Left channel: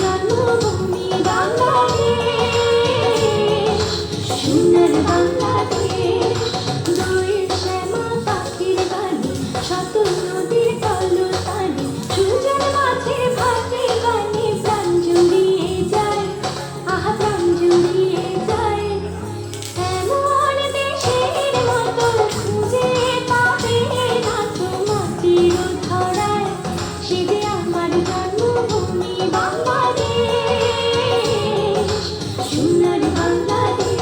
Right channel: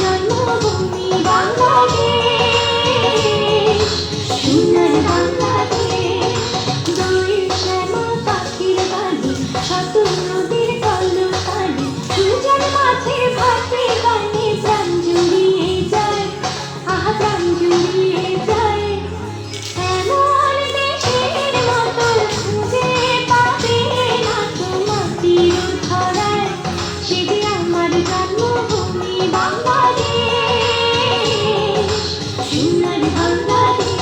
জন্মভূমি বাংলাদেশ, সোনার বাংলাদেশ। দোয়েল শ্যামা পাখির গানে, শত নদীর কলতানে, সূর্যের মাঝে ভাসে গানে, প্রাণ জুড়িয়ে যায়, আহা প্রাণ জুড়িয়ে যায়। এমন দেশের মতো খুঁজে পাবে না তো মাটির ধরায়, সে যে আমার জন্মভূমি বাংলাদেশ, সোনার বাংলাদেশ।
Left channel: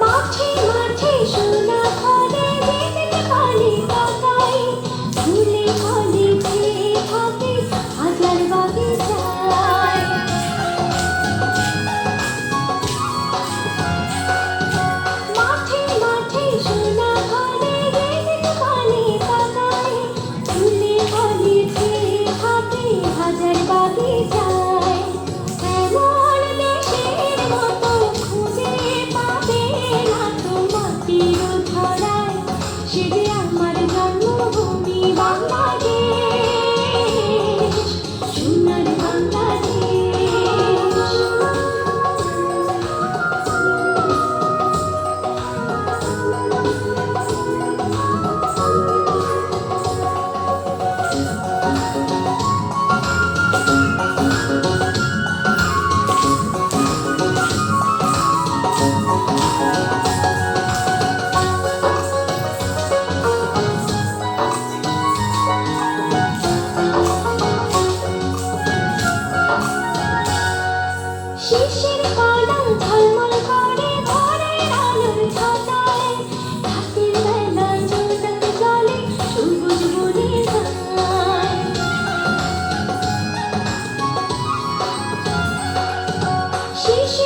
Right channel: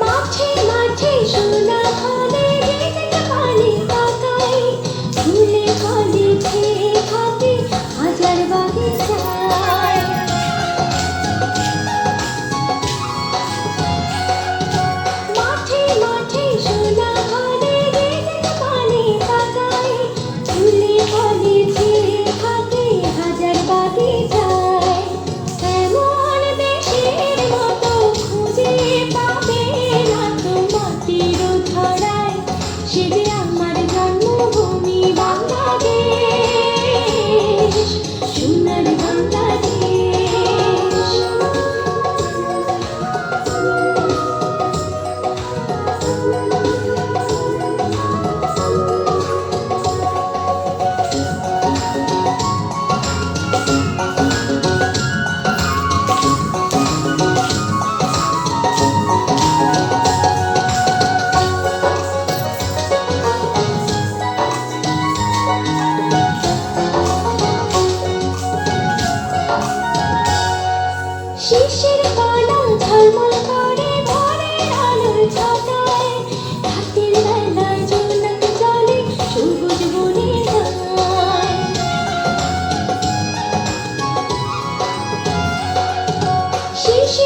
মাঠে মাঠে সোনা ফলে, যেদিকে পানি তাকাই, ফুলে ফলে ছেয়ে থাকে হাজার বাগিচায়। মাঠে মাঠে সোনা ফলে, যেদিকে পানি তাকাই, ফুলে ফলে ছেয়ে থাকে হাজার বাগিচায়। এমন দেশের মতো খুঁজে পাবে না তো মাটির ধরায়, সে যে আমার জন্মভূমি বাংলাদেশ, সোনার বাংলাদেশ। শিশির কণা ঝলমল করে ভোরের আলোর ছটায়, রাতের বেলায় জোনাক জলে সবুজ বনে যায়। শিশির